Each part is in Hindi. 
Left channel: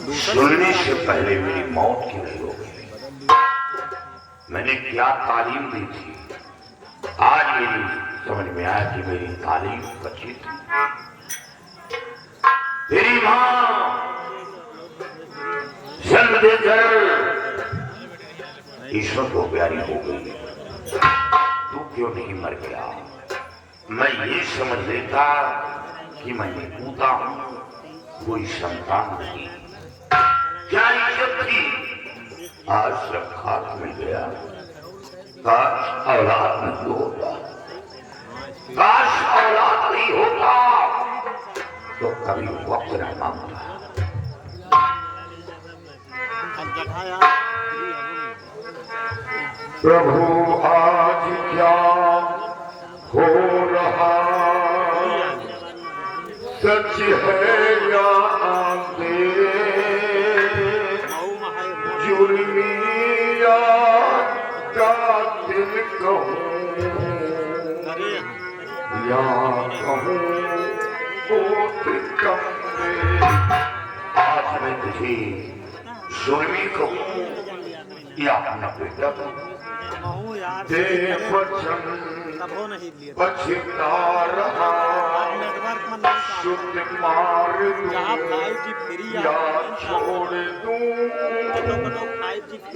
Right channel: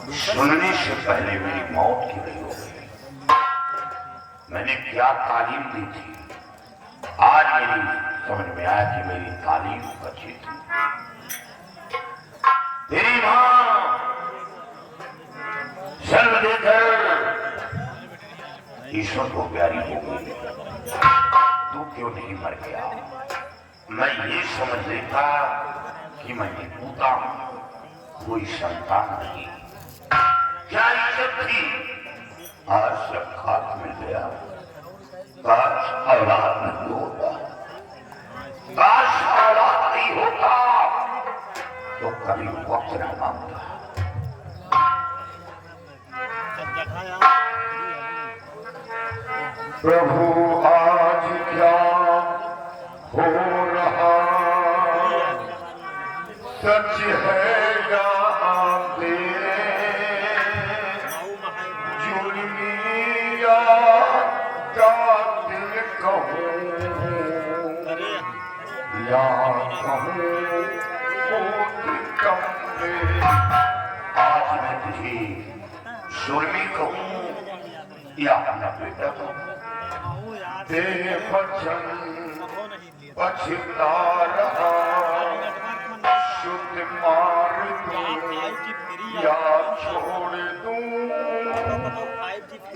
सुनने से पहले मेरी मौत क्यों नहीं हो गई? मैंने क्या तालीम दी थी, आज मेरी समझ में आया कि मेरी तालीम अच्छी थी। तेरी मां जन्म देकर ईश्वर को प्यारी हो गई, तू क्यों नहीं मर गया? मैं ये समझ लेता कि मैं निकूता हूं, कोई संतान नहीं, क्या इज्जत थी, आज सब खाक में गया। काश औलाद नहीं होता, काश औलाद नहीं होता तो कभी वक्त न मांगता। प्रभु आज क्या हो रहा, सच है या आगे, जुल्मी या कातिल कहूँ या कहूँ आज मैं तुझे जुल्मी कहूँ या अपना बेटा कहूँ। पछता रहा शुद्ध मार या छोड़ दूं,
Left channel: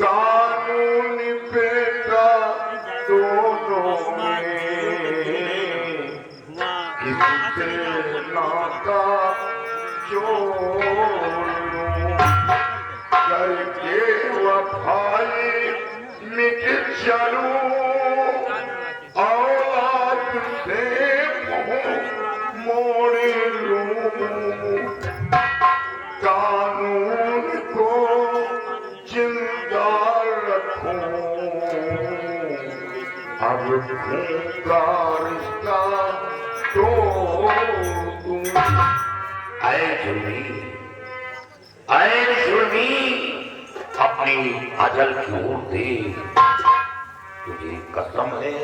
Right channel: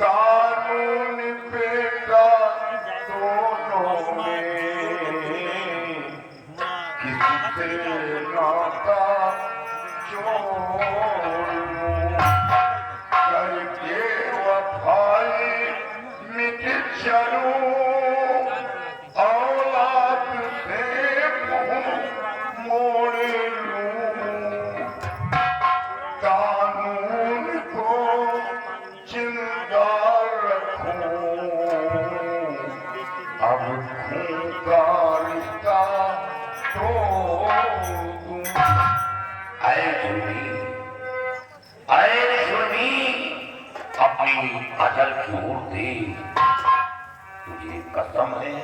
कानून बेटा दोनों में किससे नाता जोड़ करके वफाई मिट चलूं, औलाद से मुंह मोड़ लूं, कानून को जिंदा रखूं, अब खून का रिश्ता तोड़ दूं। ऐ जुल्मी अपनी अजल की ओर दे, तुझे कसम है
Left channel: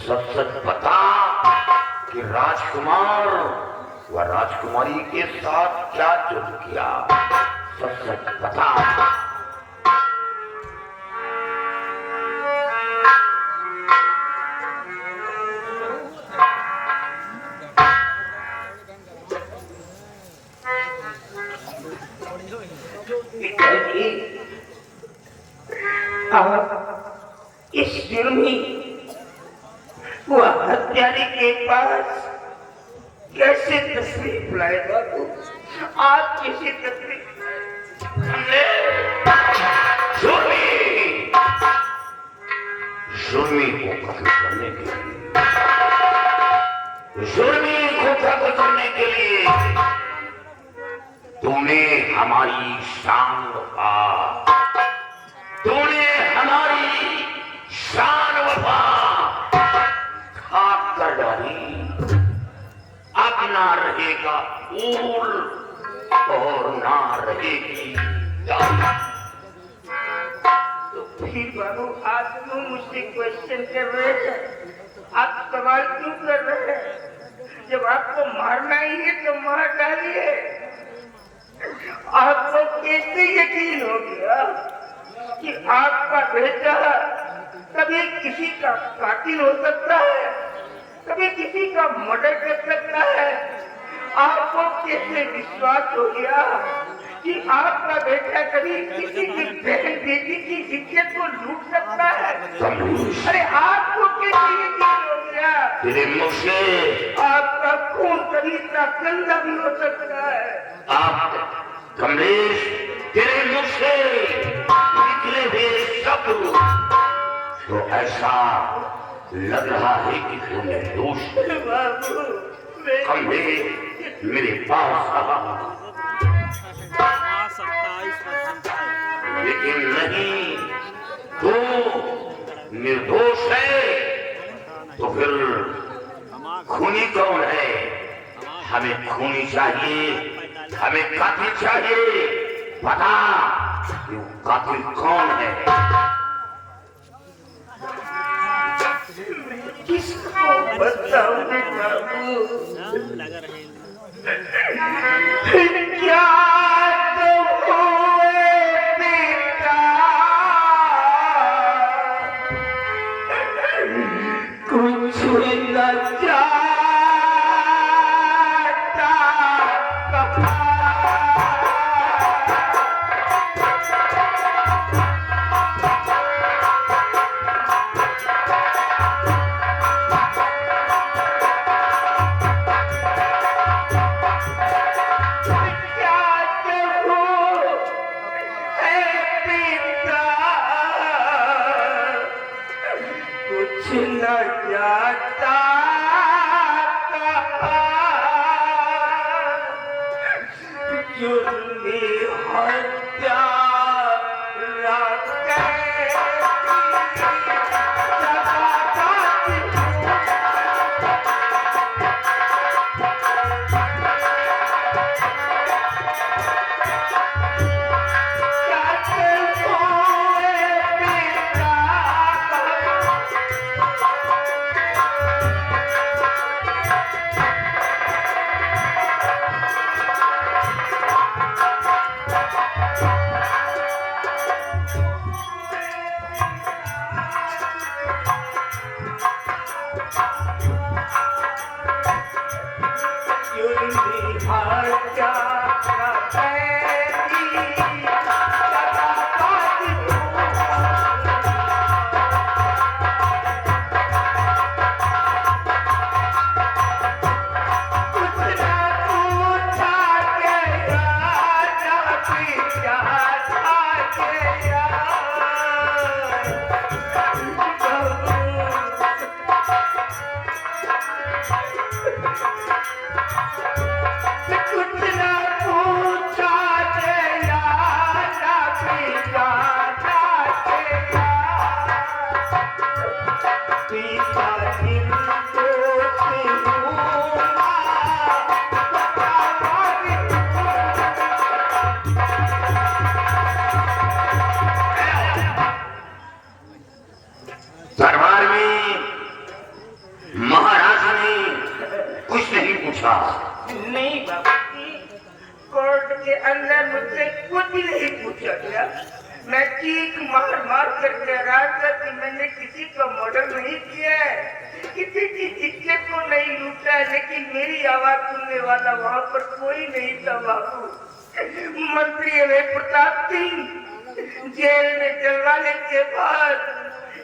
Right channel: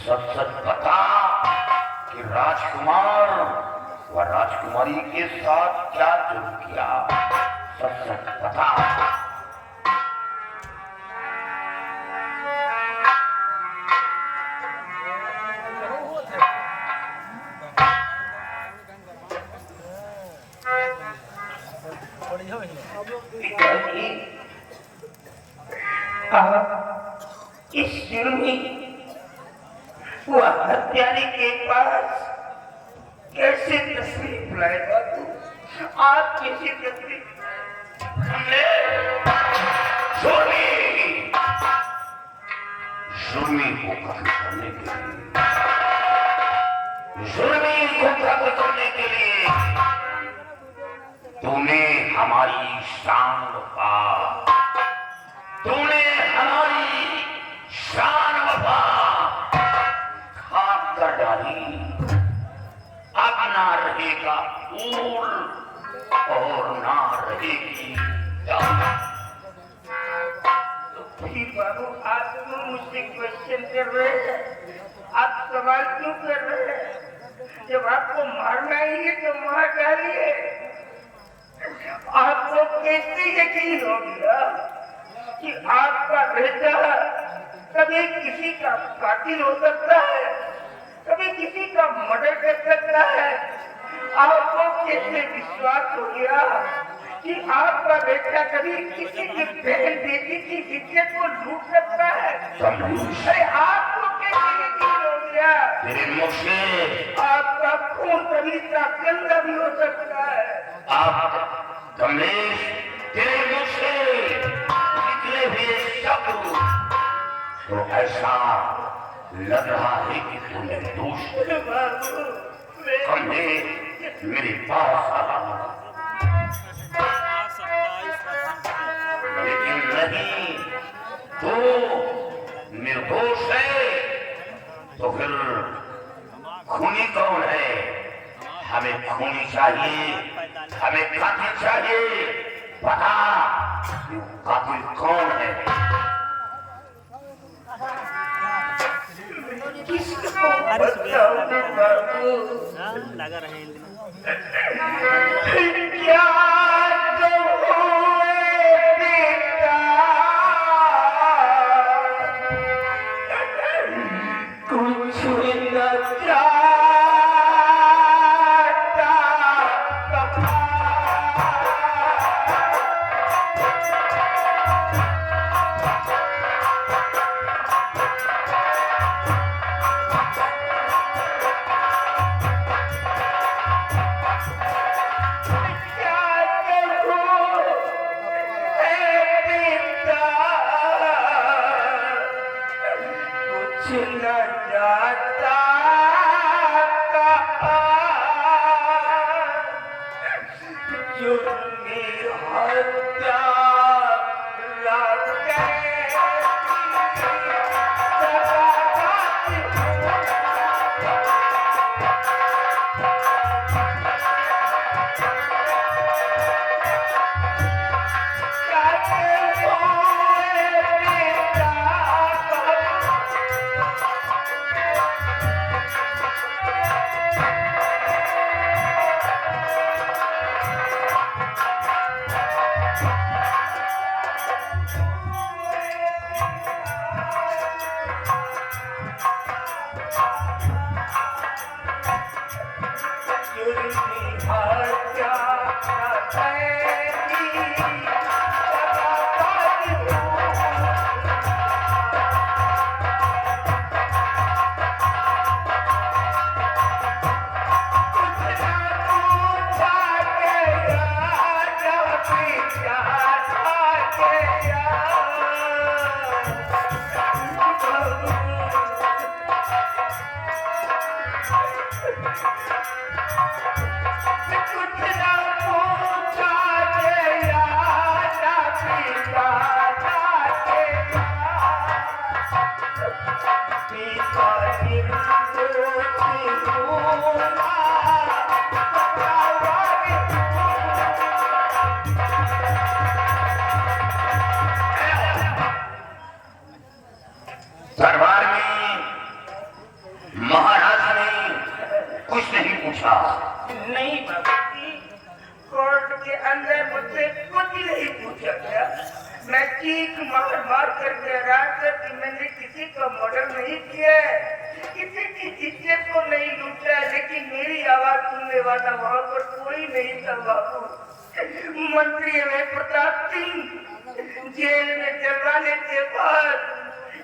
सच सच बता कि राजकुमार व राजकुमारी के साथ क्या जुल्म किया, सच सच बता। इस जुर्मी व हत्यारे के पास कैसे तस्वीर लाएगा तू? आप कैसे तस्वीर जुर्मी को खत्म करने के लिए, जुर्मी को खत्म करने के लिए तुमने हमारी शान वफा, तूने हमारी शान वफा खाक कर डाली। अब ना रहेगा ऊल और ना रहेगी जान। तो फिर बाबू आप क्यों मुझसे क्वेश्चन कर रहे हैं? आप सवाल क्यों कर रहे हैं? जब आपको मारना ही है तो मार डालिए। आपको कैसे यकीन हो गया कि आपका बेटा कभी किसी का कातिल हो सकता है, कभी किसी का मर्डर कर सकता है? आपको कैसे विश्वास हो गया कि आपका बेटा कभी किसी की बहन बेटी की इज्जत को लूट सकता है? अरे आपको कैसे यकीन हो गया? तेरे मुख से आपका खून कभी का गंदा भी हो सकता है। आप कमलेश, तेरे मुख से निकले हुए शब्द तो ऐसा लग रहा है कि तू निर्दोष है। कमलेश मेरे पास आ, लेकिन नहीं, तू निर्दोष है तो फिर खूनी कौन है? हमें खूनी चाहिए, हमें कातिल चाहिए। बता कातिल कौन है? किसको बताऊं बाबू? क्या कहूं हत्या दरबार में महाराज ने कुछ नहीं पूछा। नहीं बाबा जी, कोर्ट के अंदर मुझसे कुछ नहीं पूछा गया। मैं चीख मार मार कर कह रहा था कि मैंने किसी का मर्डर नहीं किया है, किसी की इज्जत को नहीं लूटा है, लेकिन मेरी आवाज सुनने वाला वहाँ पर कोई नहीं था बाबू। मंत्री वे प्रताप सिंह जेल में चलवाने के बाद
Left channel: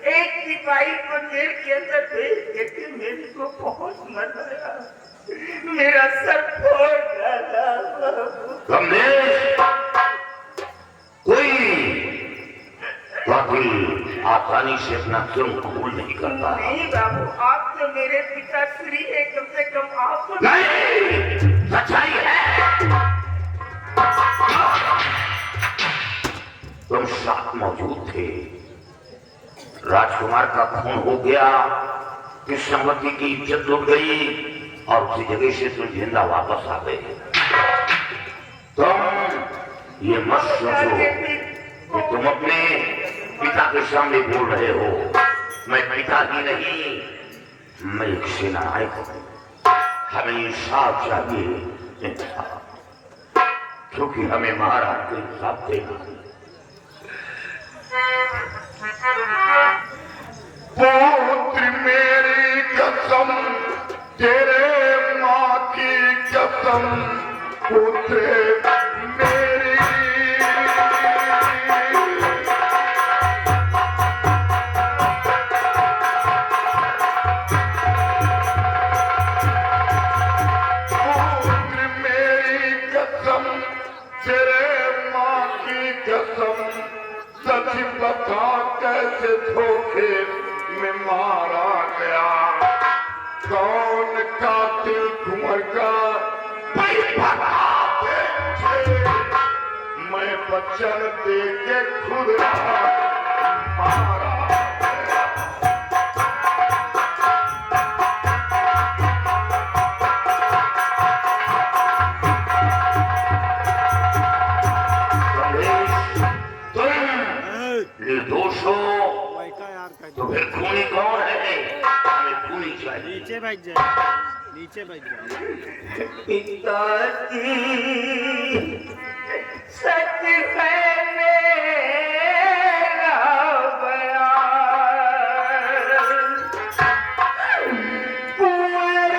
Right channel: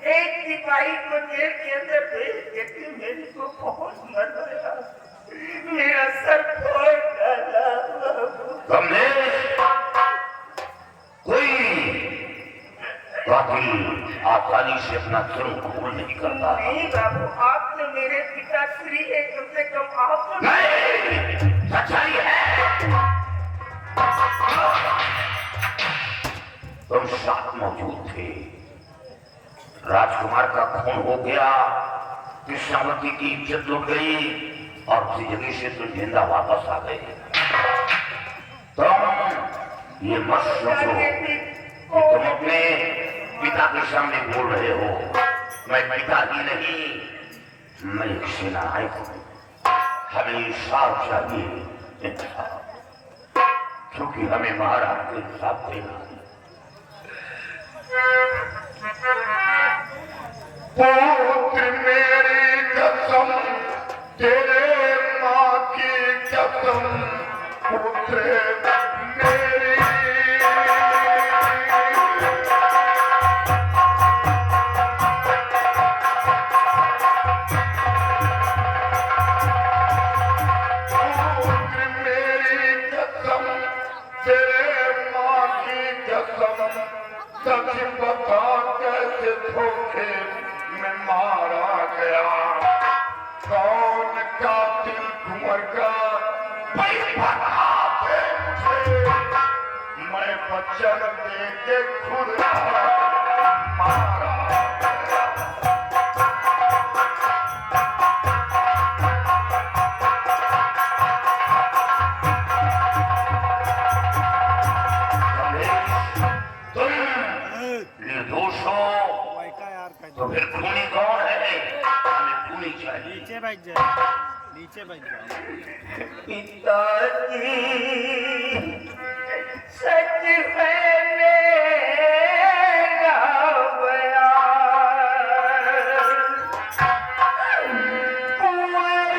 एक सिपाही को जेल के अंदर भेज देते मेरे को बहुत मजा आया, मेरा सर फोड़ डाला। कोई कातिल आसानी से अपना जुर्म कबूल नहीं करता। नहीं बाबू, आप तो मेरे पिता श्री है, कम से कम आप तो नहीं, सच्चाई है। तुम साथ मौजूद थे, राजकुमार का खून हो गया, कृष्णवती की इज्जत लुट गई और उसी जगह से तुम जिंदा वापस आ गए। तुम ये मत सोचो कि तुम अपने पिता के सामने बोल रहे हो। मैं पिता ही नहीं, मैं एक सेनानायक हूँ। हमें इंसाफ चाहिए, क्योंकि हमें महाराज को इंसाफ देना। पुत्र मेरी कसम, तेरे माँ की कसम, पुत्र मेरी। पुत्र मेरी कसम, तेरे माँ की कसम, सच बता कैसे धोखे में मारा गया। कौन कातिल कुंवर का मैं वचन दे के खुद मारा गया। निर्दोष हो तो फिर खूनी कौन है? हमें खूनी चाहिए। नीचे बैठ जाओ, नीचे बैठ जाओ। पिताजी सच है मेरा बयान, कुंवर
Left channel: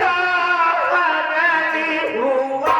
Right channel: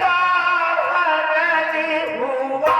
का हरण हुआ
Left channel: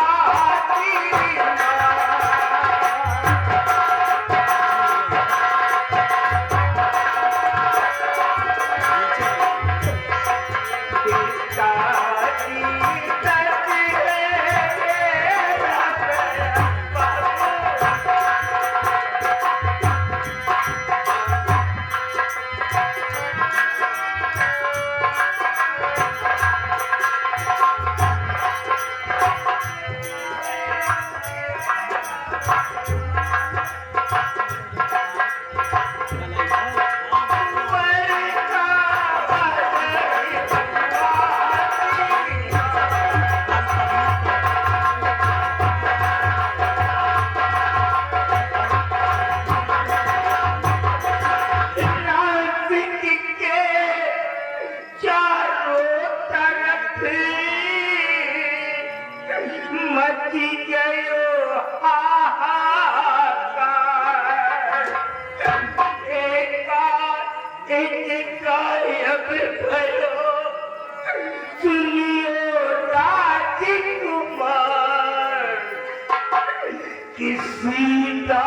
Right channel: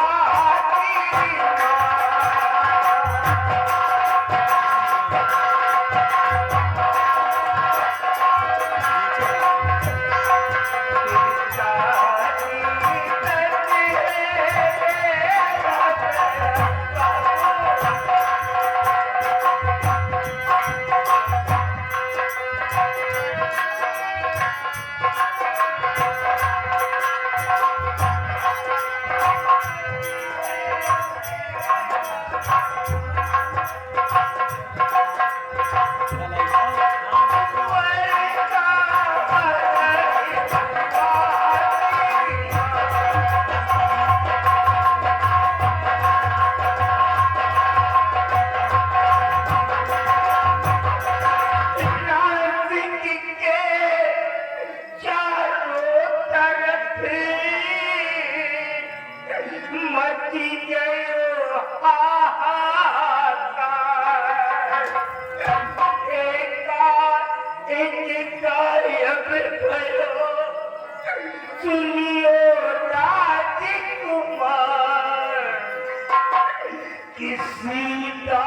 मची गयो एक गायब भयो सुनियो राजकुमार किसी का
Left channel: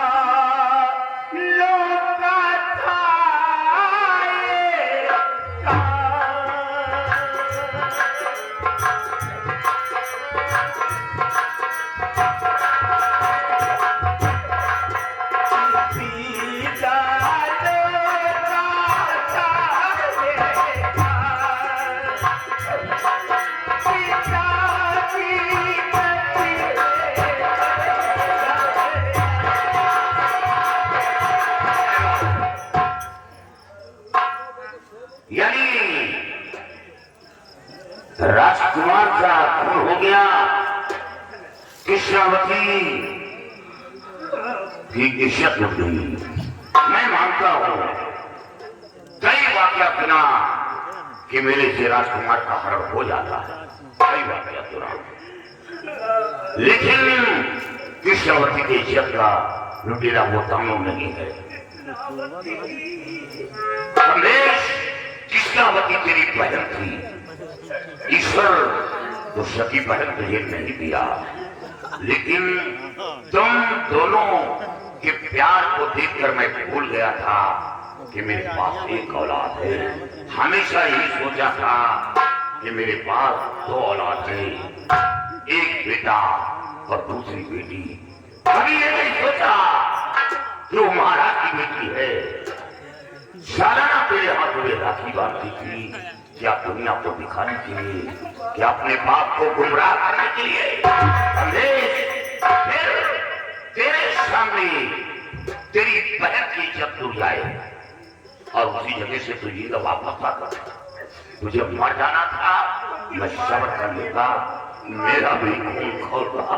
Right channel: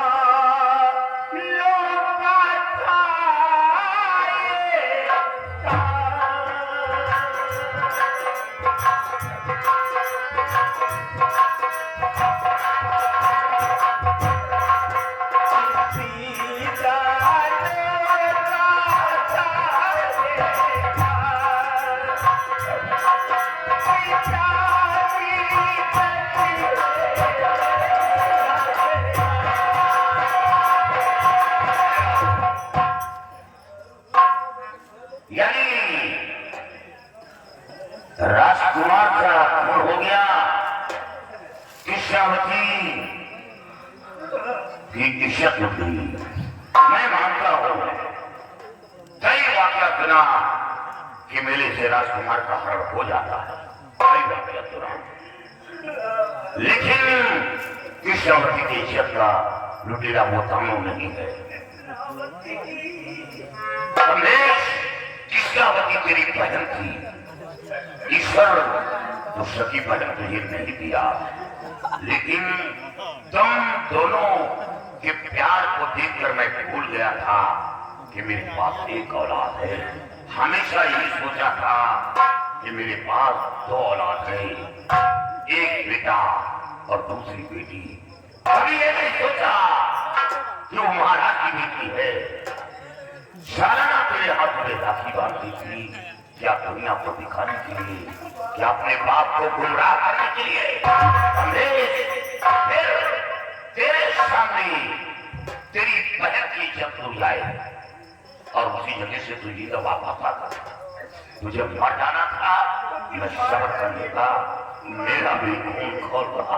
लोका था राजकुमार का खून हो गया। कृष्णावती की इज्जत लुट गई। मैं मानता हूं कई वाक्य सुना कि मेरे से राजकुमार का हरण हो जाता है, कई वाक्य सुना, लेकिन कृष्णावती की इज्जत का लुटेरा वो दानव नहीं है। रमेश, कृष्णावती तेरी बहन थी। ईश्वर तो सती बहन तुझे नहीं दिया, लेकिन तुम दोनों के प्यार को देखकर मैं भूल गया था कि मेरे पास एक औलाद है। हमेशा यही सोचा था कि मेरे पास दो औलाद है, एक बेटा और दूसरी बेटी। कभी ये नहीं सोचा कि वो महाराज की बेटी है। सारा तेरे हाथों में राखी बांधती थी, क्या दुनिया को दिखाने के लिए, क्या अपने बाप को गुमराह करने के लिए। तेरे सामने तेरी बहन की इज्जत टूट जाए और उसी जगह से तुझे तो वापस आकर तुझे मर जाना था। मैं समझ कर लेगा, मेरा भी खून खोल रहा।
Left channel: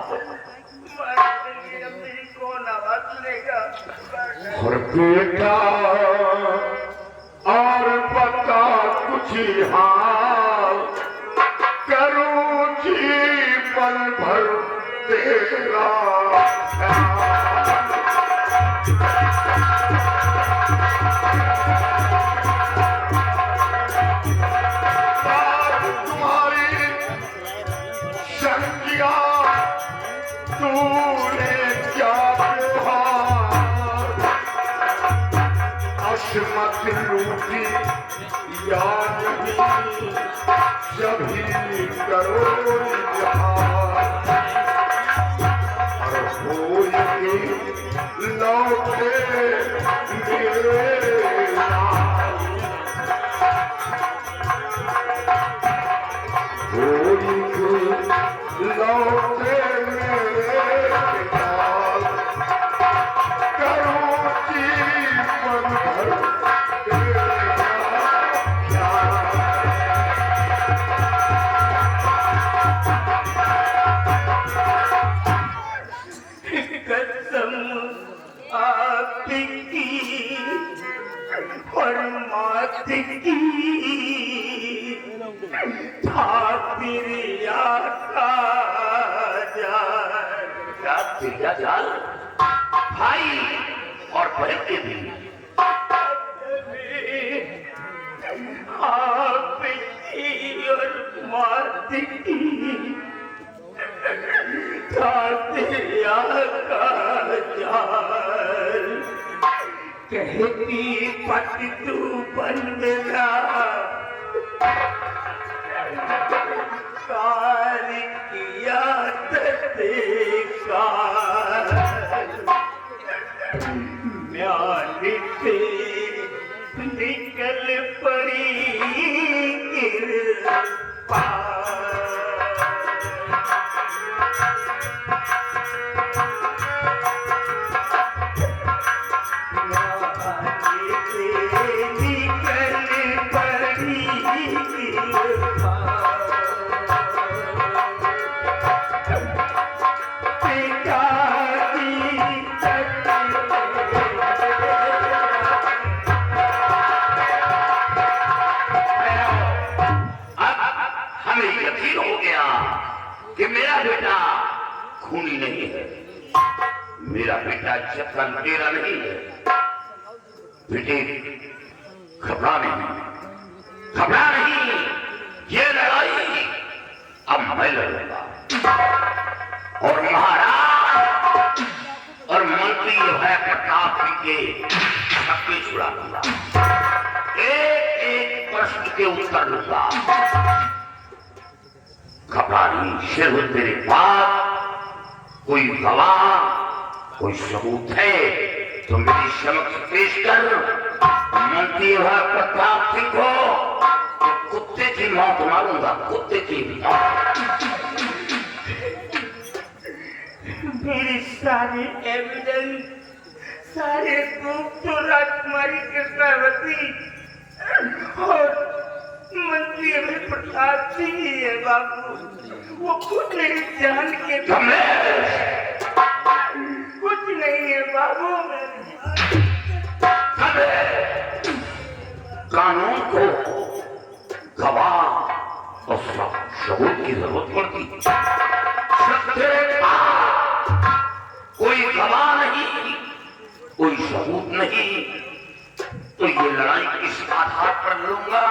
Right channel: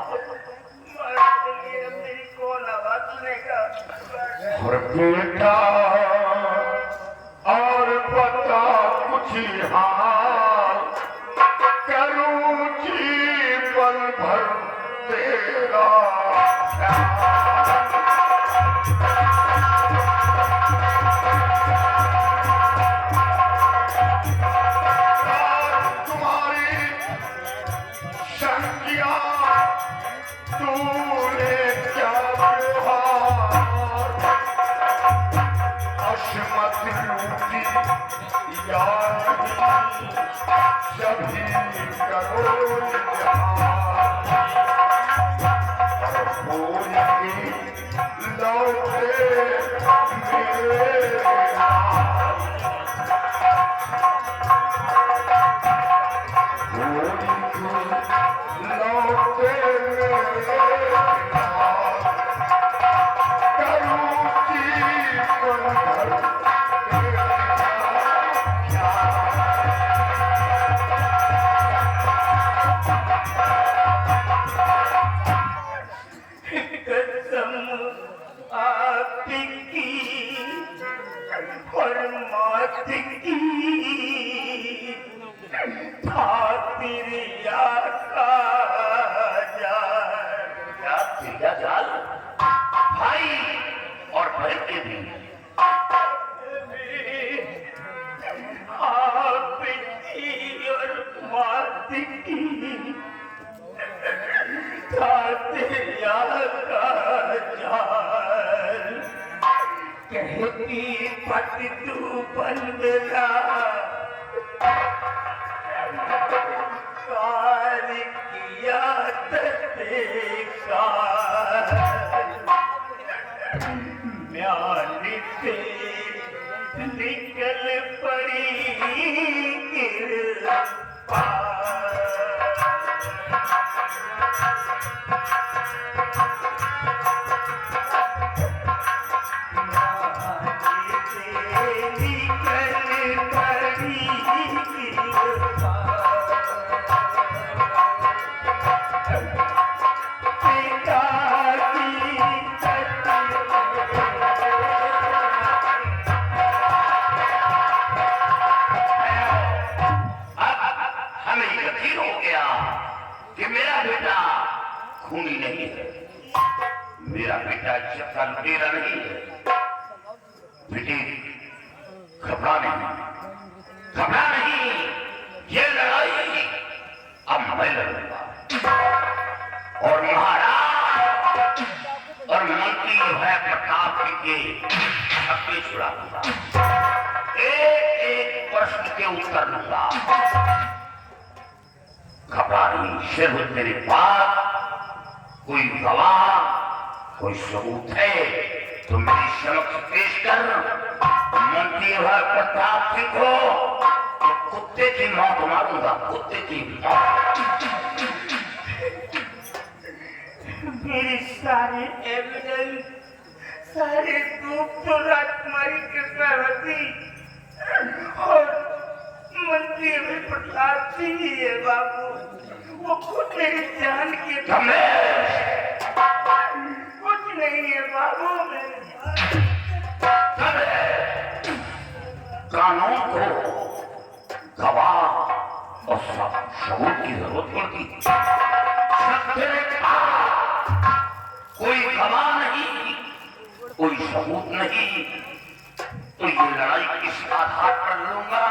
और बेटा और बता कुछ हाल करूं जीवन भर तेरा तुम्हारी संज्ञा तूने क्या मत लूटी या नहीं सभी करो लौटे जाल भाई और बहन के भी कहती पट तू बन गया किया देखा म्यान से निकल पड़ी गिर खूनी नहीं है। मेरा बेटा इज्जत का लुटेरा नहीं है। बेटे घबरा नहीं, ये लड़ाई अब मैं लड़ूंगा और महाराज और मंत्री है प्रताप के सबके छुड़ा दूंगा। एक एक प्रश्न के उत्तर दूंगा। घबरा नहीं, सिर्फ तेरे पास कोई गवाह, कोई सबूत है तो मेरे समक्ष पेश कर। मंत्री है प्रताप सिंह को तो कुत्ते की मौत मारूंगा, कुत्ते की मौत। मेरे सारे एविडेंस, सारे प्रूफ तो राजकुमारी कृष्णावती और मंत्री अभी प्रताप सिंह ही है बाबू। वो खुद मेरी जान के कुछ नहीं है बाबू। कानून को गवाह और सबूत की जरूरत पड़ती। कोई गवाह नहीं, कोई सबूत नहीं, तो ये लड़ाई किस आधार पर लूंगा?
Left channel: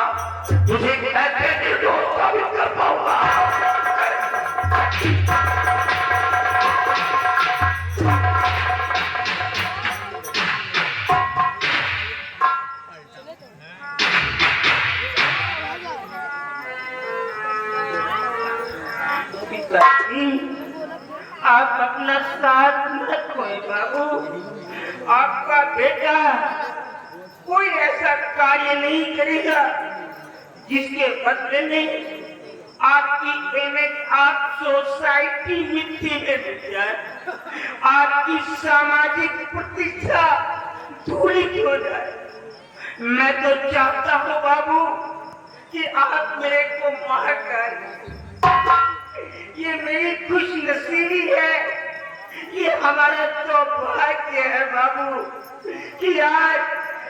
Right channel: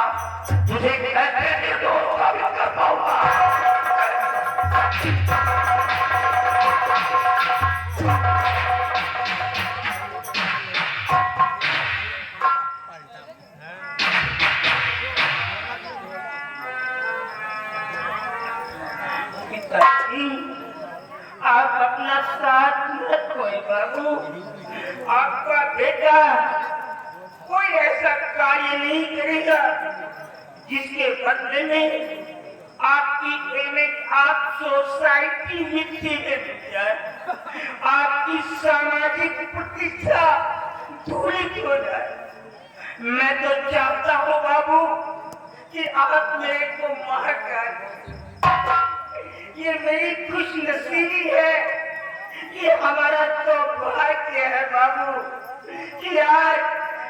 तुझे कैसे निर्दोष साबित कर पाऊंगा? आप अपना साथ मत खोए बाबू। आपका बेटा कोई ऐसा कार्य नहीं करेगा जिसके बदले में आपकी इमेज, आप सोसाइटी मिट्टी में मिल जाए, आपकी सामाजिक प्रतिष्ठा धूलित हो जाए। मैं तो चाहता हूँ बाबू कि आप मेरे को मार कर, ये मेरी खुश नसीबी है, ये हमारा तो भाग्य है बाबू कि आज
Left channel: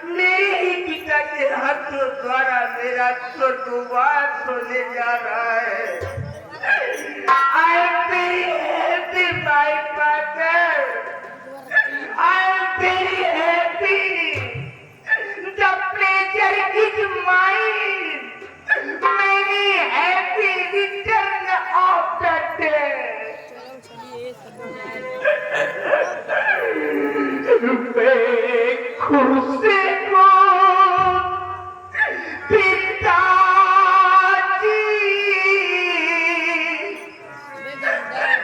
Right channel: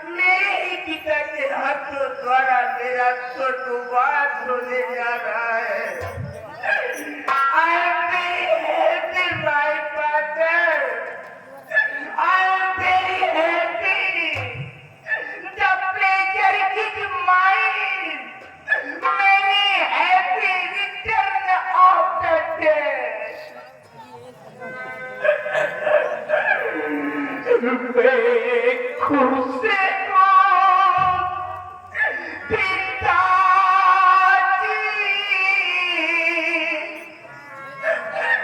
मेरे ही पिता के हाथों द्वारा मेरा तो दुबार होने जा रहा है। I am very happy, my father. I am very happy. The pleasure is mine. Many happy return of the day. खुर्सी को पिताजी अपने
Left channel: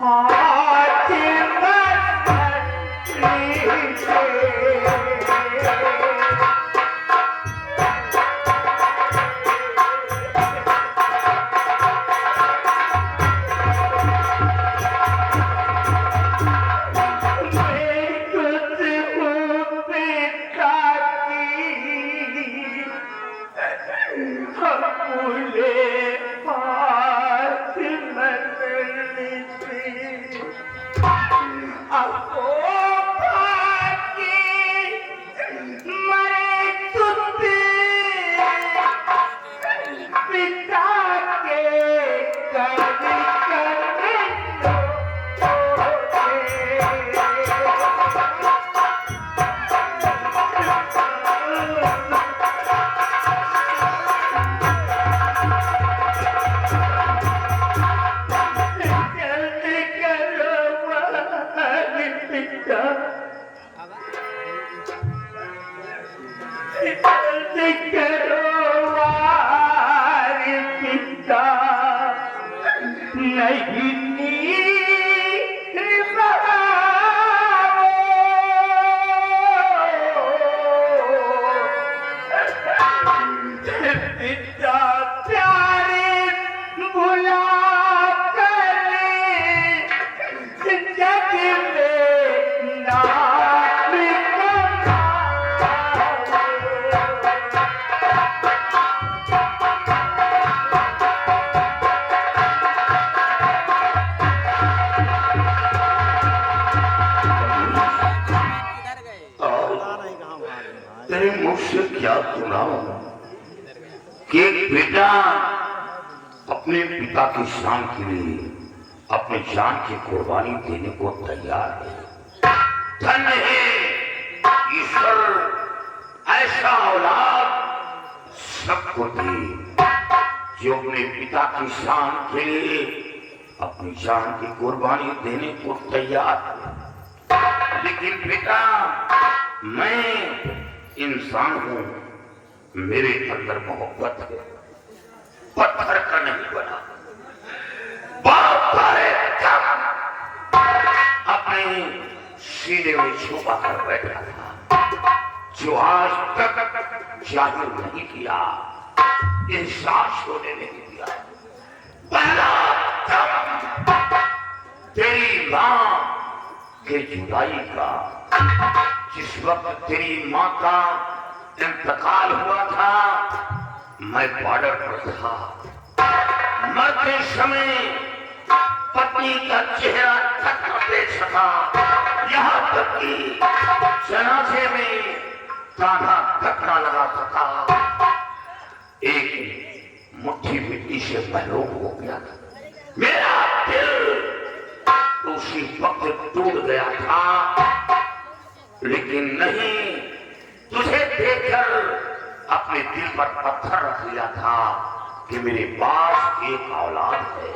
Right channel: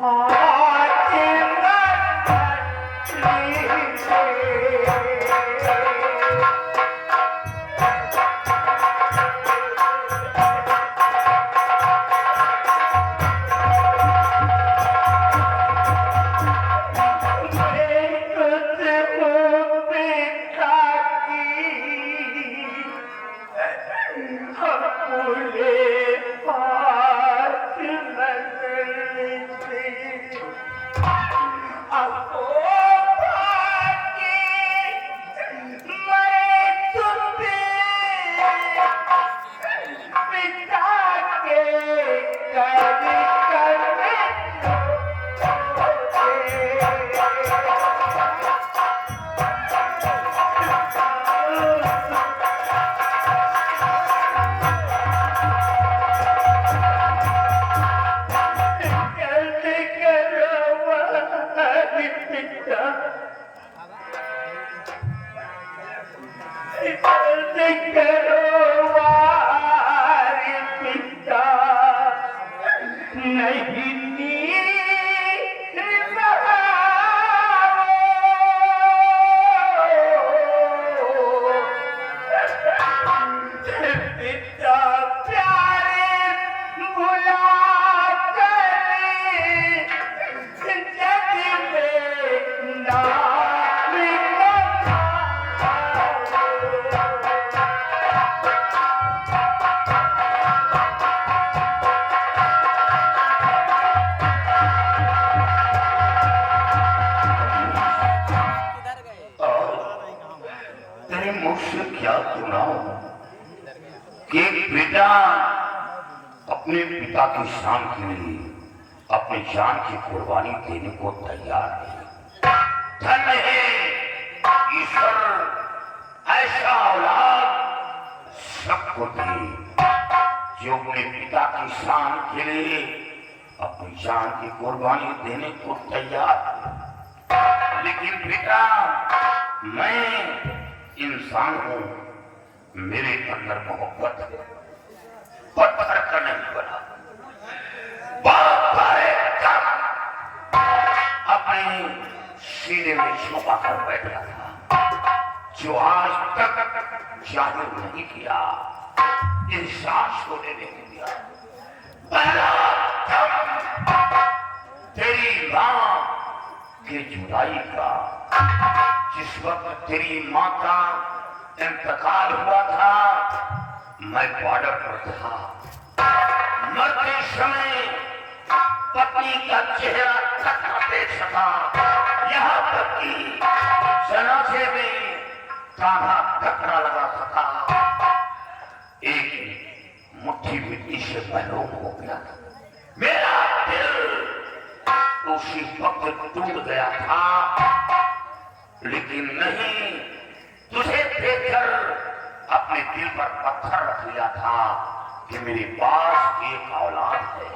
हाथ तेरे मुख से क्या सुनाऊं कि बेटा अपने पिता की शान के लिए अपनी जान की कुर्बानी देने को तैयार है। धन्य है ईश्वर ऐसा औलाद सबको दे जो अपने पिता की शान के लिए अपनी जान की कुर्बानी देने को तैयार है। लेकिन बेटा, मैं इंसान हूं, मेरे अंदर मोहब्बत है, पत्थर का नहीं बना। बाप अपने सीने में छुपा कर बैठा था, जो आज तक जाहिर नहीं किया, एहसास होने नहीं दिया। पहला तेरी मां के जुदाई का, जिस वक्त तेरी मां का इंतकाल हुआ था, मैं बॉर्डर पर था। मरते समय पत्नी का चेहरा तक न देख सका, यहाँ तक कि जनाजे में कांधा तक न लगा सका। एक मुट्ठी मिट्टी से महरूम हो गया था। मेरा दिल उसी वक्त टूट गया था, लेकिन नहीं, तुझे देखकर अपने दिल पर पत्थर रख लिया था कि मेरे पास एक औलाद है,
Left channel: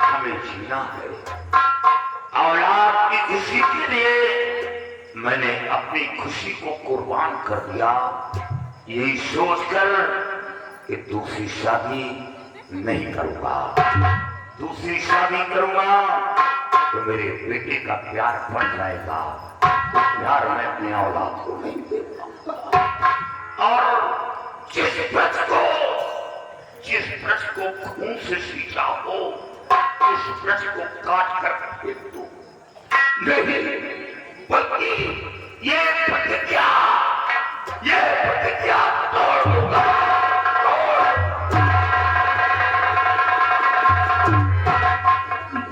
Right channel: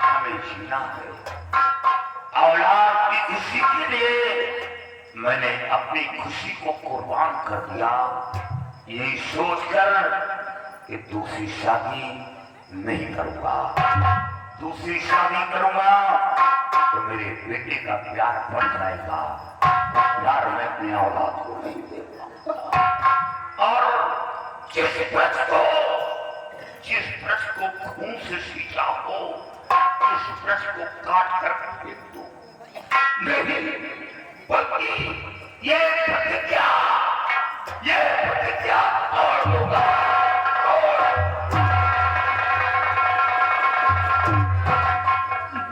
हमें जीना है। औलाद की खुशी के लिए मैंने अपनी खुशी को कुर्बान कर दिया, यही सोचकर कि दूसरी शादी नहीं करूंगा। दूसरी शादी करूंगा तो मेरे बेटे का प्यार बढ़ जाएगा। प्यार मैं अपनी औलाद को नहीं देता। और जिस ब्रज को खून से सींचा हो, उस ब्रज को काट कर फेंक दो। नहीं, बल्कि ये प्रतिज्ञा तोड़ दूंगा।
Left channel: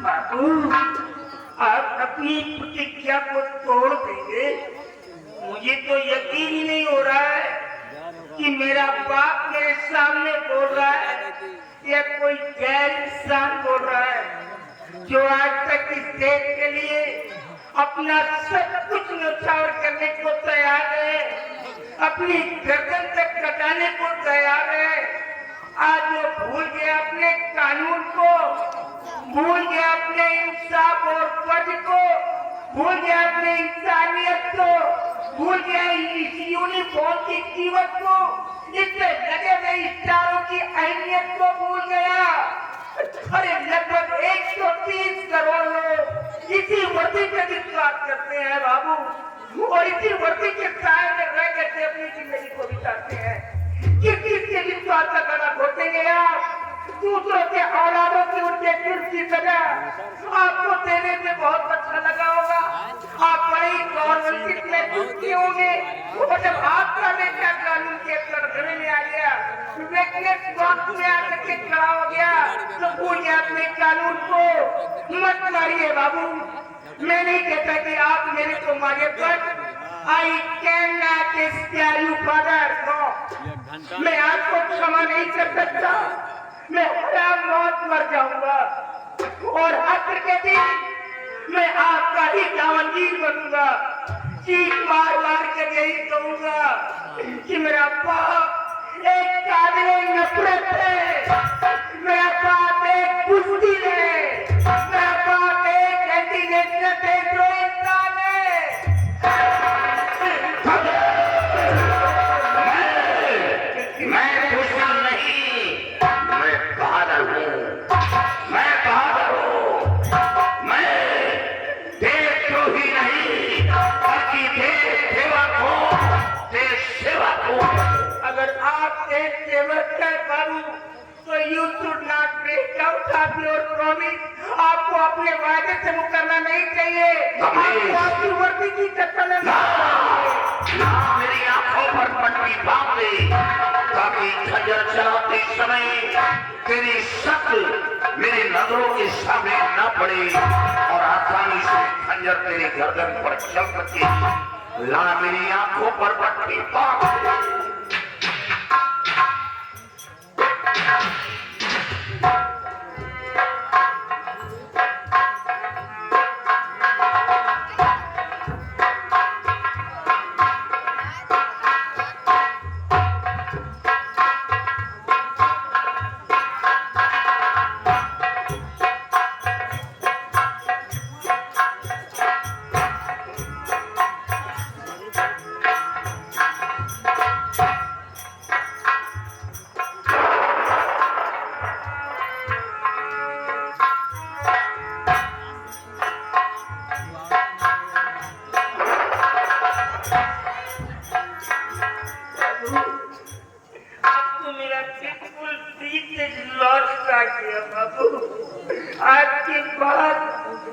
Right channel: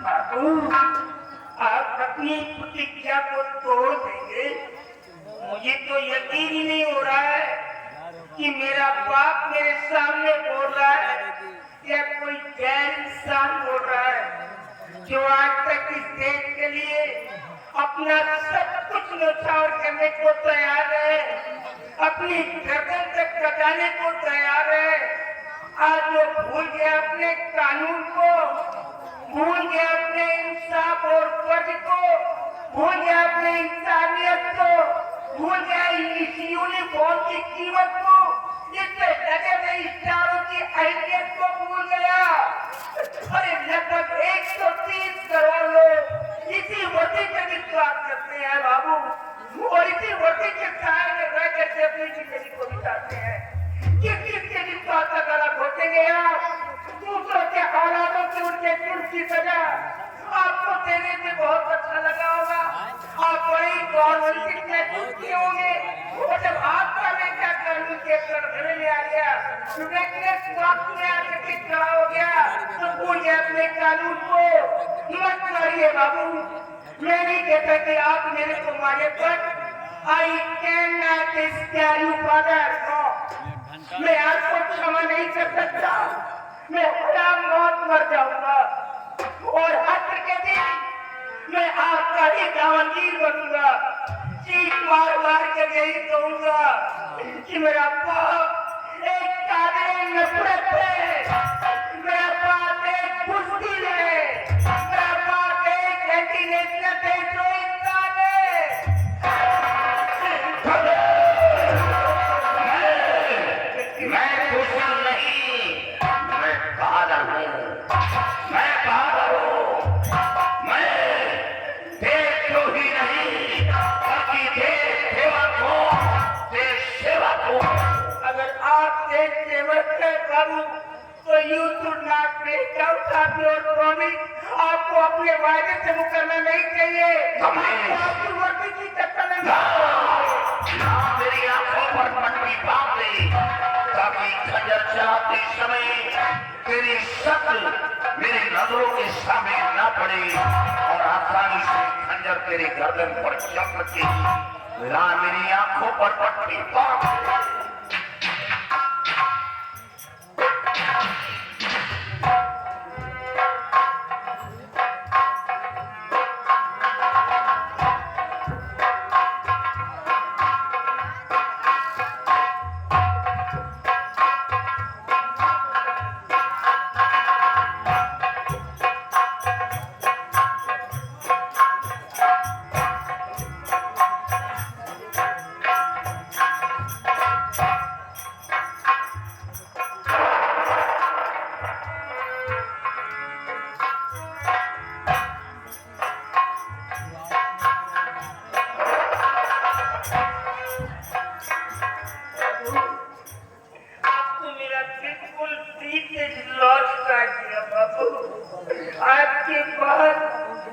बाबू, आप अपनी प्रतिज्ञा को तोड़ देंगे? मुझे तो यकीन ही नहीं हो रहा है कि मेरा बाप मेरे सामने बोल रहा है या कोई गैर इंसान बोल रहा है, जो आज तक इस देश के लिए अपना सब कुछ न्यौछावर करने को तैयार है, अपनी गर्दन तक कटाने को तैयार है। आज वो भूल गया अपने कानून को, भूल गया अपने इंसाफ और फर्ज को, भूल गया अपनी इंसानियत को, भूल गया इस यूनिफॉर्म की कीमत को, इससे लगे गए स्टारों की अहमियत को भूल गया। अरे लगभग 130 करोड़ लोग इसी वर्दी पे विश्वास करते हैं बाबू, और इसी वर्दी के साए में रह के अपनी जिंदगी को बिताते हैं। किस के विश्वास का तरह घोटेंगे आप? दूसरों के औलादों की उनके जुर्म की सजा आपको देने से बहुत अच्छा लगा होगा। आप बड़े गौरवन्वित होंगे, और जब आपका बेटा कानून के कटघरे में आ गया, में आकर के खड़ा हो गया, तो भूल गया अपने कानून को। मत मारिए बाबू, मैं नहीं कहता कि आप मेरे को मारिए, पर I can not spare you father. No, मैं आपको क्षमा नहीं कर सकता। मैं हराम मौत मर जाऊंगा, और हश्र के दिन मैं आपका ही दामनगीर बनूंगा। चीख मार मार के यही कहूंगा कि मेरा बाप एक काबिले नफरत है, मेरा बाप एक बुज़दिल है, मेरा बाप एक एंटी-नेशनल देशद्रोही इंसान है। मैं दुश्मन नहीं, मैं बहादुर हूँ, मैं बहादुर हूँ। मैं देशद्रोही नहीं, बल्कि देश सेवक हूँ, देश सेवक हूँ। अगर आप देश सेवक है बाबू, तो you should not break out of your promise. आपको अपने वादे से मुकरना नहीं चाहिए, आपको आपकी वर्दी की चक्कर में मेरी आंखों पर पट्टी बांध दे, ताकि खंजर चलाते समय तेरी शक्ल मेरी नजरों के सामने न पड़े, और आसानी से खंजर तेरी गर्दन पर चल सके। ला मेरी आंखों पर पट्टी बांध दे।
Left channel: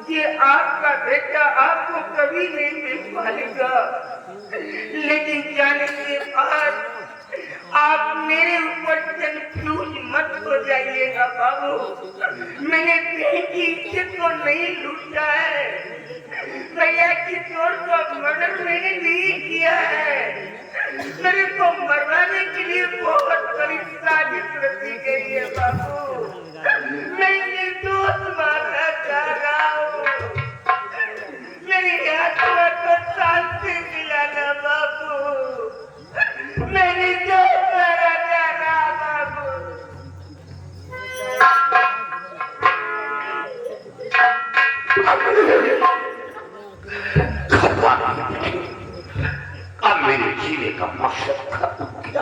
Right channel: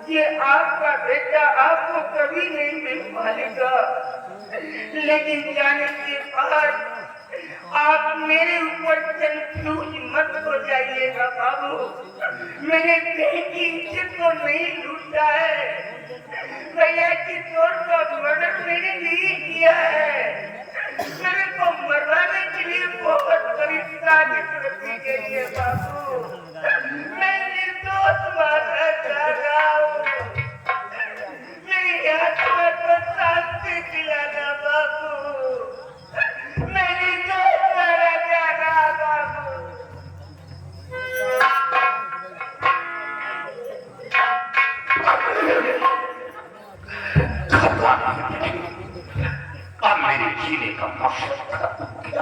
कि आपका बेटा आपको कभी नहीं मिल पाएगा, लेकिन जाने के बाद आप मेरे ऊपर कंफ्यूज मत हो जाइएगा बाबू। मैंने कहीं की इज्जत को नहीं लूटा है, भैया की चोर का मर्डर मैंने नहीं किया है। मेरे को मरवाने के लिए बहुत बड़ी साजिश रची गई है बाबू। मैं निर्दोष माना जा रहा हूँ, मेरी आत्मा को शांति दिलाना बाबू। मैं निर्दोष माना जा रहा बाबू। अब मेरे जीने का मकसद खत्म हो गया।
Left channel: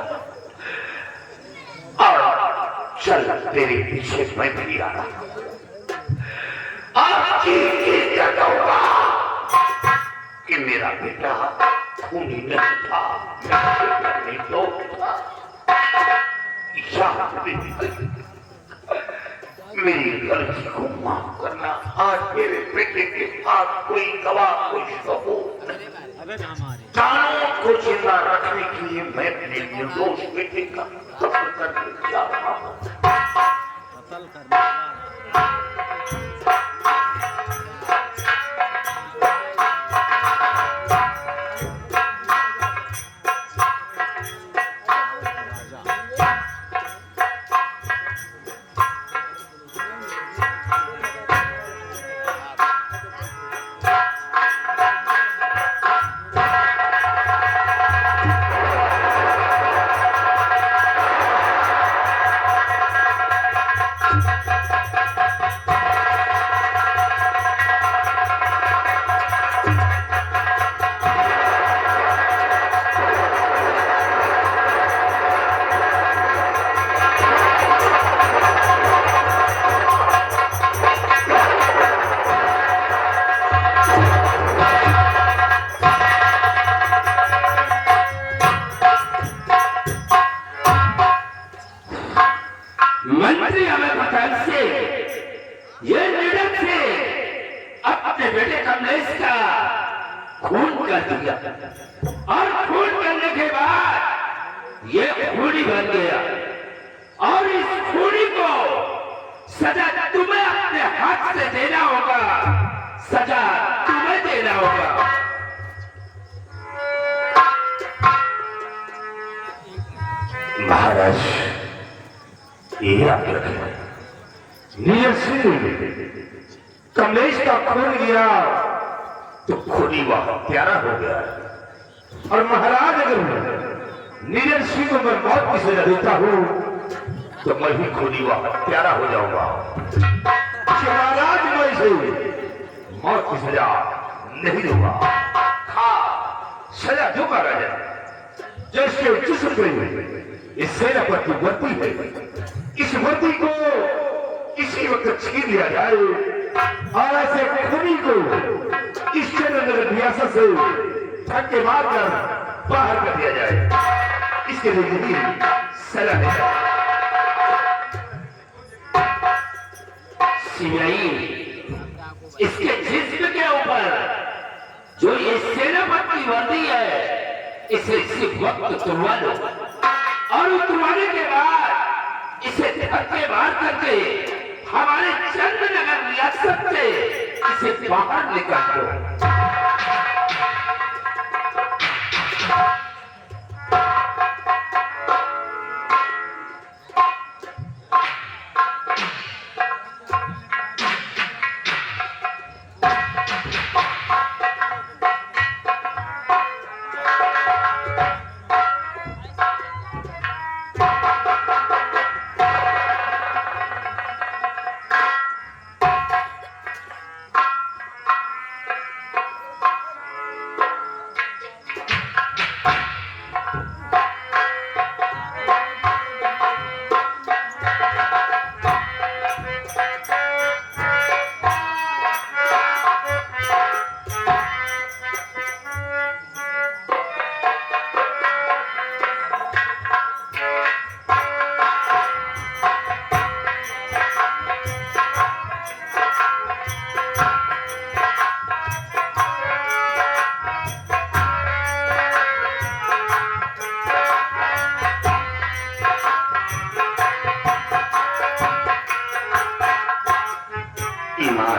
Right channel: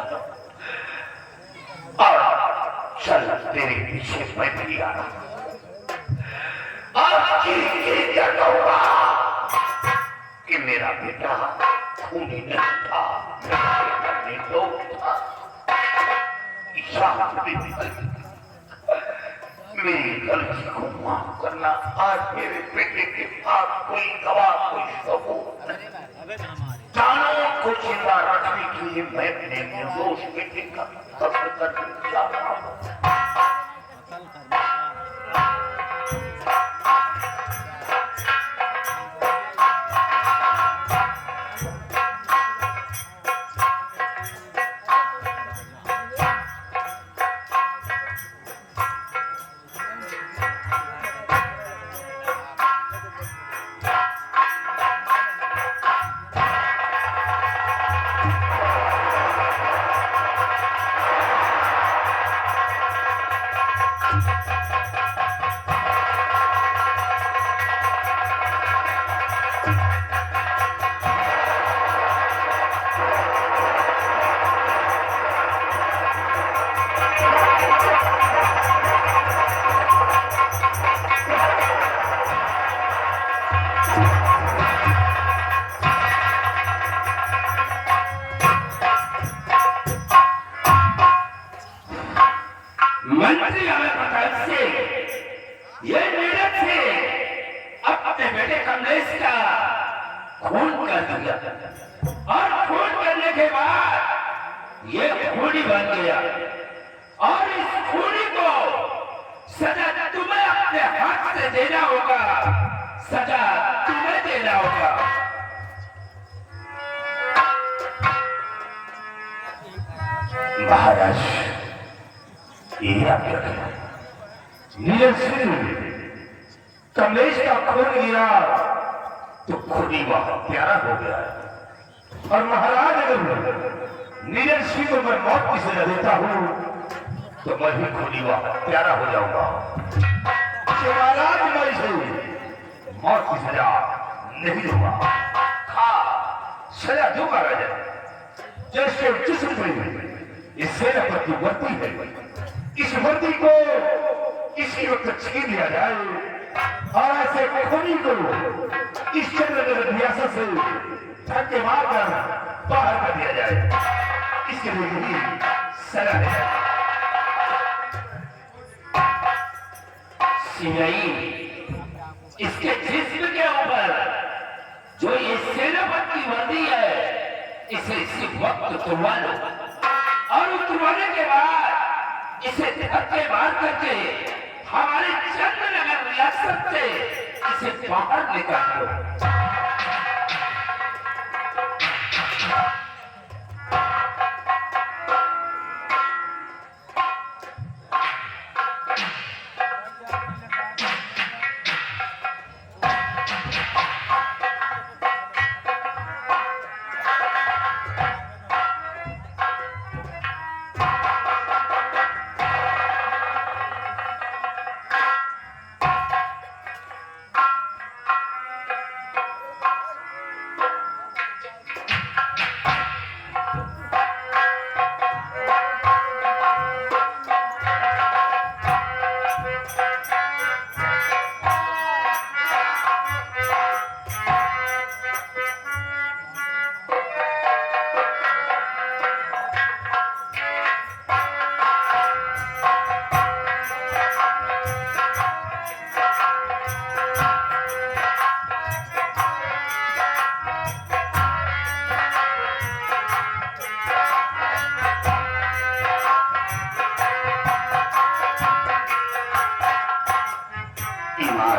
और चल तेरे पीछे मैं भी आ रहा। अब क्या कहूँगा कि मेरा बेटा खूनी नहीं था, निर्दोष था। मेरी गलती को माफ करना। आज मेरे बेटे के पास कोई गवाह, कोई सबूत, कानून को जिंदा रखने के लिए मैं अपने निर्दोष बेटे का कत्ल करने जा रहा हूँ। मंत्री अलग से ये नीरज से अपने बेटे कमलेश का खून कर दिया और खून करने के बाद ये खूनी बन गया और इस खूनी को सजा तुम्हें अपने हाथ से देना होगा, सजा तुम्हें देना होगा। महाराज ये आप नीरज सिंह कमलेश का खून लिया तो खूनी वहां प्यारा हो गया और महाराज अगर नीरज सिंह को मैं मौत की सजा देता हूं तो मैं भी खूनी वहां प्यारा हो जाऊंगा। महाराज मैं इसे मौत की सजा नहीं दूंगा। हाँ सजा दूंगा राजा। जैसे जिससे इस सेनापति वर्दी है, इस वर्दी को इसी वक्त छीन लिया जाए और ऐसे खूनी को इस चंद्र रियासत से धक्के मारकर बाहर कर दिया जाए। इसके लिए यही सजा है। इसके जिस्म के ऊपर जो ये सेनापति वर्दी है इसे सिर्फ वक्त तुड़वा लो और उतरवाने के बाद इसे धक्के मार करके हमारे चंद्रनगर रियासत से इसे बाहर निकाल दो।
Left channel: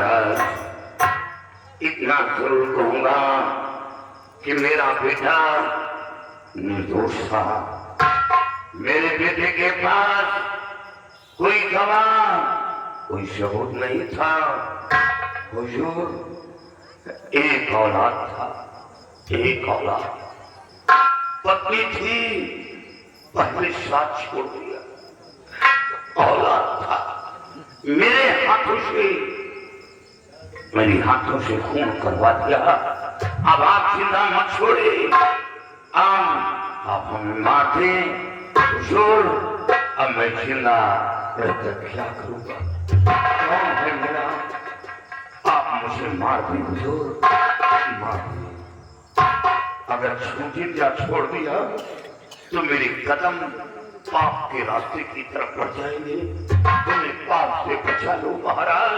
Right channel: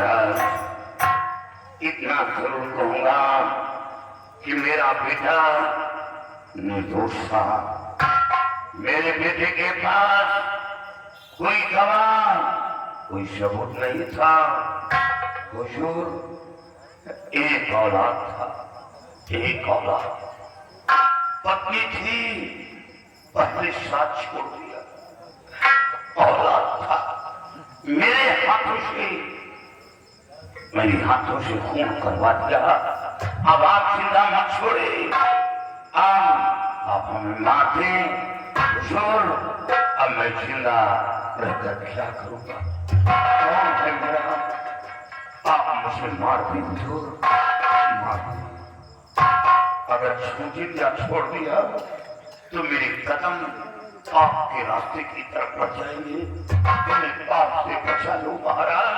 महाराज इतना जरूर कहूंगा कि मेरा बेटा निर्दोष था। मेरे बेटे के पास कोई गवाह, कोई सबूत नहीं था। हुजूर एक औलाद था, एक औलाद, पत्नी थी, पहले साथ छोड़ दिया। औलाद था, मेरे हाथों से, मेरे हाथों से खून करवा दिया। अब आप जिंदा मत छोड़े, आप हमें मार दें। हुजूर अब मैं जिंदा रहकर क्या करूंगा? कौन है मेरा? आप मुझे मार दें हुजूर, मार दें। अगर छूटी या छोड़ दिया तो मेरे कदम पाप के रास्ते की तरफ बढ़ जाएंगे। तुम्हें पाप से बचा लो महाराज।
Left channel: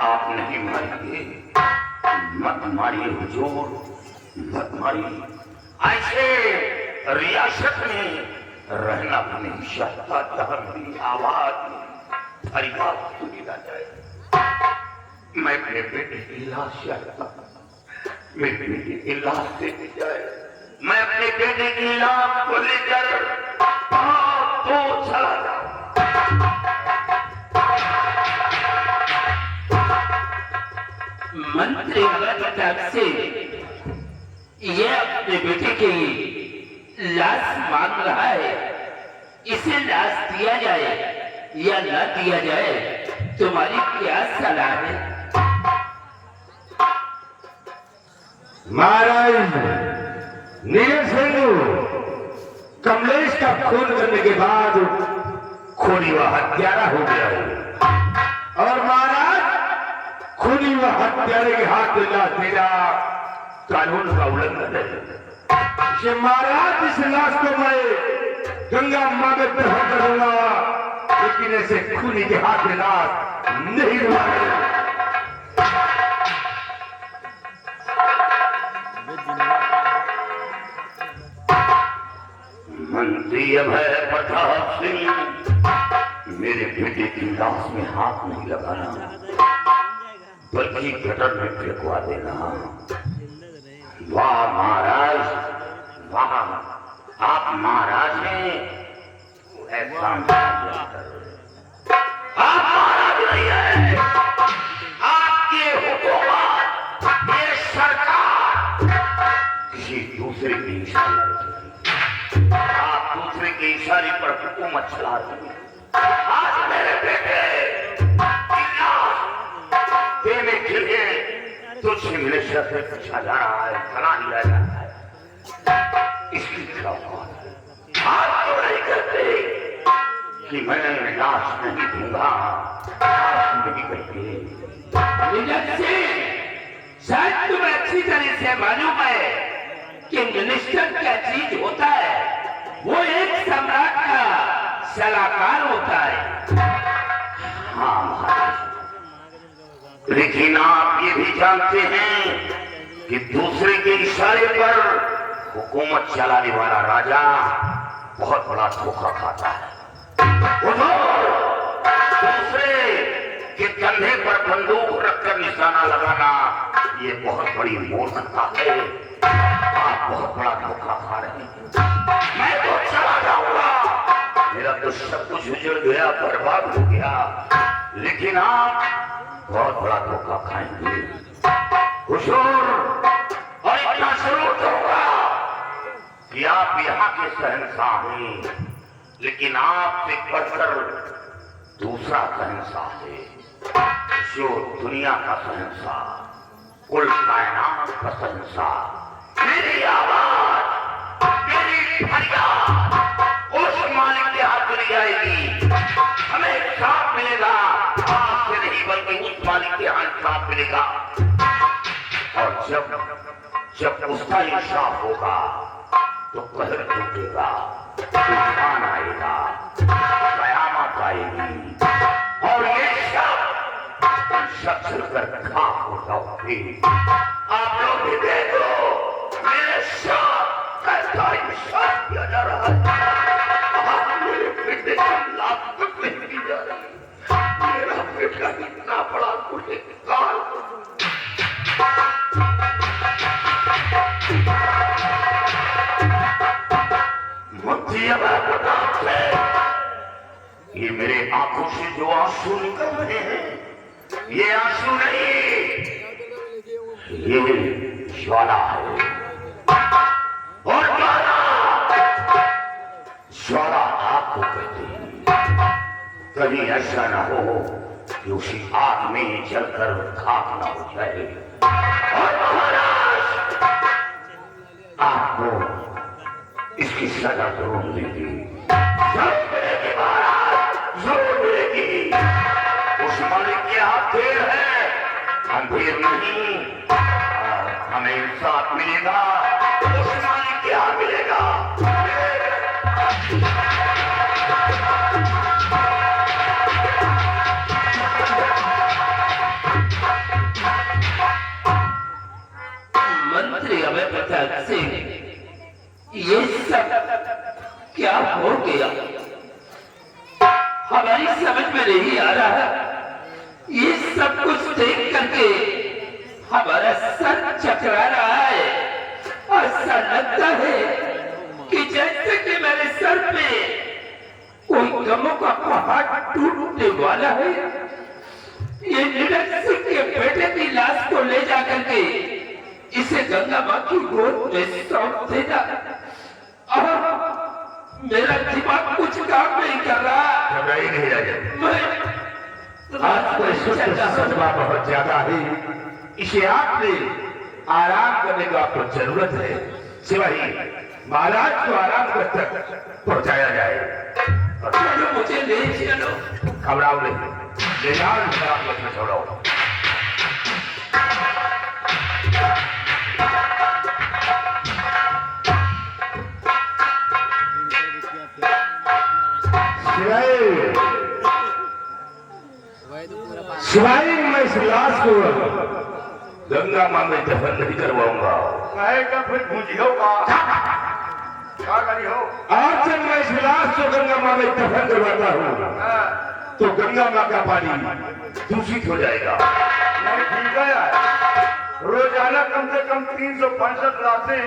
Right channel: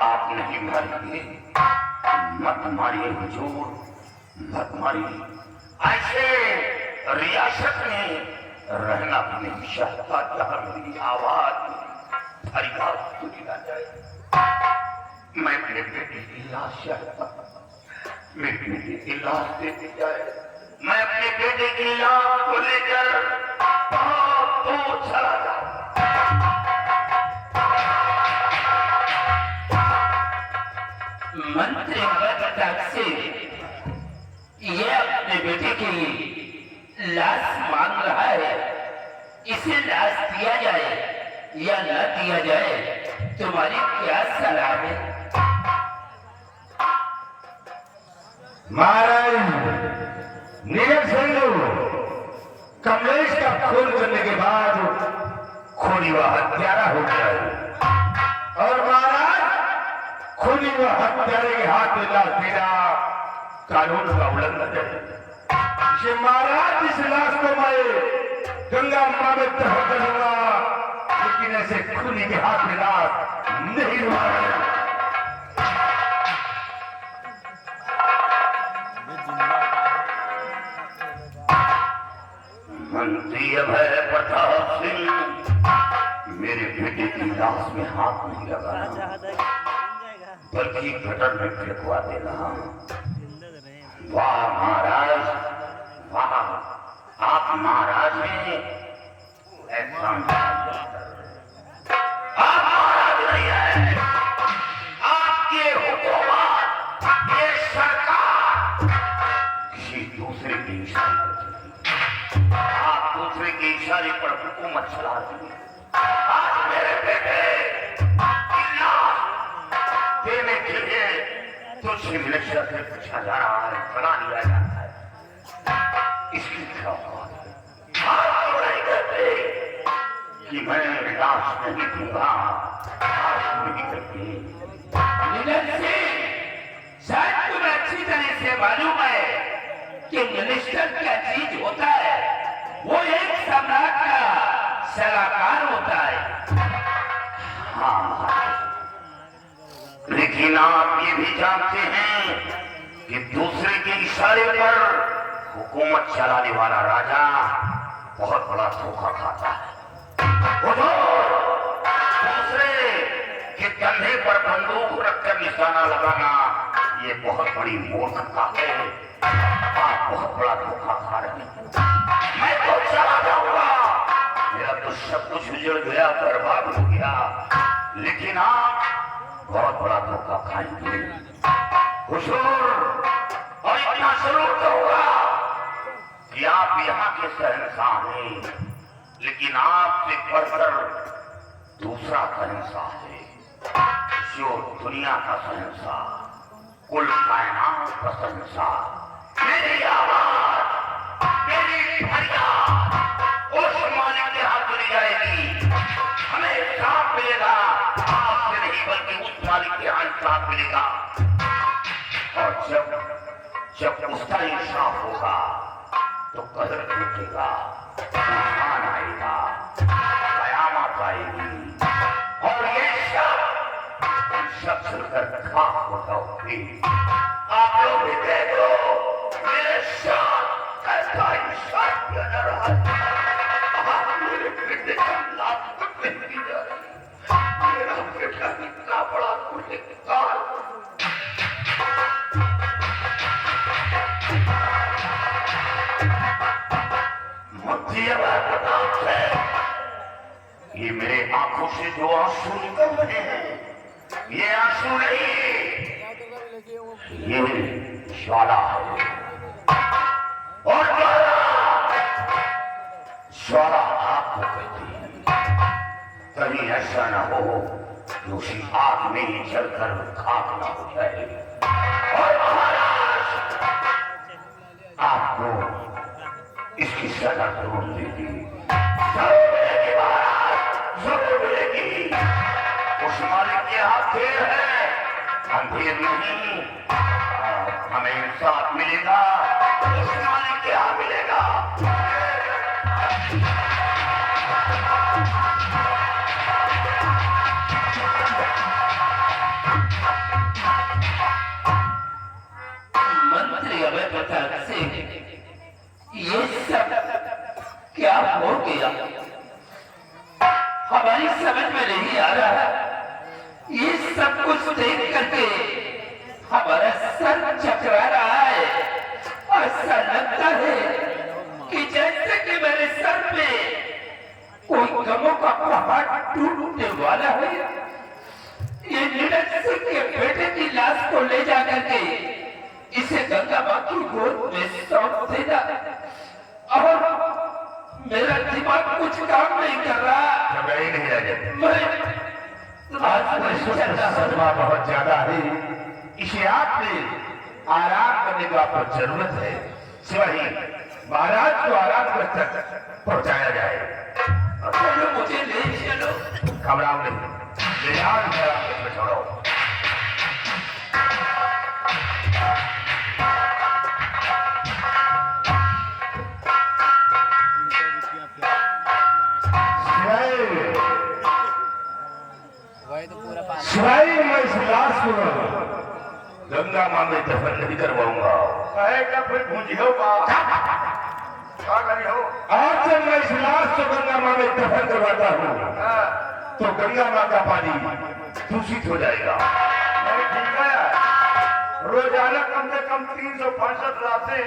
आप नहीं मारिए, मत मारिए हुजूर, मत मारिए। ऐसे रियासत में रहना भी नहीं चाहता जहां मेरी आवाज फरियाद सुनी ना जाए। मैं अपने बेटे की लाश चाहता, मेरे बेटे की लाश देखी जाए। मैं अपने बेटे की लाश को लेकर बहुत दूर चला जाऊं। मंत्री से ये अपने बेटे की लाश मांग रहा है। इसे लाश दिया जाए या न दिया जाए, तुम्हारी क्या सलाह है? महाराज नीरज सिंह कमलेश का खून करने के बाद खूनी व हत्यारा हो गया है। और महाराज खूनी व हत्यारे के हाथ में लाश देना कानून का उल्लंघन है। महाराज इस लाश को मैं गंगा माँ में प्रहर करूंगा, लेकिन ऐसे खूनी के हाथ में लाश नहीं मारे। मंत्री अभय प्रताप सिंह, मेरे बेटे की लाश में हाथ नहीं लगाना, बल्कि गटर में फेंकवा देना। वाह महाराज, वाह, आप महाराज हैं। ऐसा आप महाराज नहीं है, आपके हुकूमत, ये सरकार किसी दूसरे की इशारे पर चलती है। आप दूसरे के इशारे पर हुकूमत चला रहे हैं। आज मेरे बेटे देने के लिए तुझसे मिलेशिया से पूछा जा रहा है, बना लिया जा रहा है। इसकी क्या बात? आप तो नहीं कहते कि मैं लाश नहीं दूंगा, लाश नहीं कहते। नीरज सिंह, शायद तुम्हें अच्छी तरह से मालूम है कि मिनिस्टर क्या चीज होता है। वो एक सम्राट का सलाहकार होता है। हाँ महाराज, लेकिन आप ये भी जानते हैं कि दूसरे के इशारे पर हुकूमत चलाने वाला राजा बहुत बड़ा धोखा खाता है। दूसरे के कंधे पर बंदूक रखकर निशाना लगाना ये बहुत बड़ी मूर्खता है। आप बहुत बड़ा धोखा खा रहे हैं। मैं तो चला जाऊंगा, मेरा तो सब कुछ उजड़ गया, बर्बाद हो गया, लेकिन आप बहुत बड़ा धोखा खाएंगे हुजूर। और इतना जरूर कहूंगा कि आप यहाँ के शहंशाह हैं, लेकिन आपसे बढ़कर दूसरा शहंशाह है, जो दुनिया का शहंशाह, कुल कायनात का शहंशाह। मेरी आवाज, मेरी फरियाद उस मालिक के हाथ चली जाएगी। हमें इंसाफ मिलेगा, आपसे नहीं बल्कि उस मालिक के यहाँ इंसाफ मिलेगा। और जब उसका इंसाफ होगा तो कहर टूटेगा, तूफान आएगा, कयामत आएगी, और ये सब चलकर खाक हो जाओगे। आप लोग भी देखो मेरे साथ कैसा साथ किया जा रहा है। आज मेरे बेटे का लाश तक नहीं की जा रही। मेरा बेटा इतना बड़ा गुनहगार मुझे अब पता है ये मेरे आंखों से जो आंसू निकल रहे हैं ये आंसू नहीं, ये ज्वाला है। और ज्वाला आग को कहते हैं। कभी ऐसा ना हो कि उसी आग में जलकर खाक ना हो जाए। और महाराज आपको इसकी सजा जरूर मिलेगी, जरूर मिलेगी महाराज, जरूर मिलेगी। उस मालिक के हाथ देर है, अंधेर नहीं। हमें इंसाफ मिलेगा, उस मालिक के हाथ मिलेगा। मंत्री हमें बता सिंह ये सब क्या हो गया, हमारी समझ में नहीं आ रहा है। ये सब कुछ देख करके हमारा सर चकरा रहा है। ऐसा लगता है कि जैसे कि मेरे सर पे कोई गमों का पहाड़ टूटने वाला है। ये नीरज सिंह के बेटे की लाश को ले जा करके इसे गंगा मां की गोद में सौंप देना, और मेरा दिमाग कुछ काम नहीं कर रहा। घबराई नहीं आ जाए। आज तो इस वक्त सदमा बहुत ज्यादा है, इसे आपने आराम करने को आपको जरूरत है। सिवाही महाराज को आराम कर तक पहुंचाया जाए। चलो मुझे ले चलो। घबराओ नहीं, ध्यान से आप छोड़ो। शिवाई मैं इस लाश को गंगा मां में दफन नहीं करवाऊंगा। क्या फिर पूछियो क्या करी हो? आज जब मैं इस लाश को गंगा मां में दफन करवाता हूँ तो गंगा मां का पानी दूषित हो जाएगा। नहीं ठीक है यार, रोजाना कम से कम 365 लाशें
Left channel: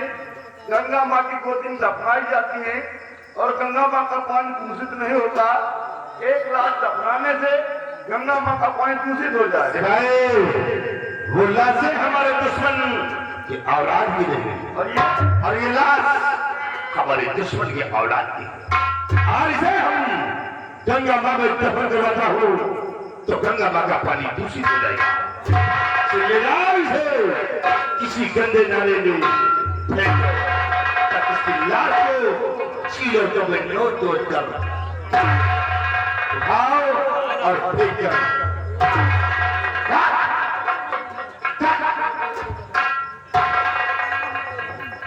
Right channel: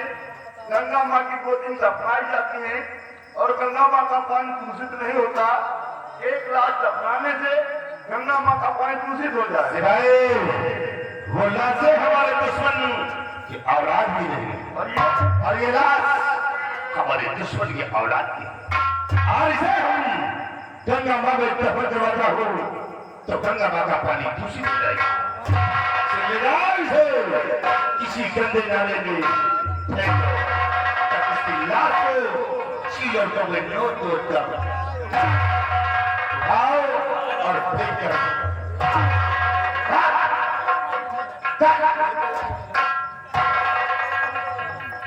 गंगा माँ की गोदी में दफनाई जाती हैं और गंगा माँ का पानी दूषित नहीं होता। एक लाश दफनाने से गंगा माँ का पानी दूषित हो जाए। वो लाशें हमारे दुश्मन की औलाद भी नहीं, और ये लाश हमारे दुश्मन की औलाद की है। और इसे हम गंगा मां में दफन करवाता हूँ तो गंगा मां का पानी दूषित हो जाएगा। इसे किसी गंदे नाले में फेंक दो, तब उसकी लाश को चीलों में नो तो उठाओ और फेंक कर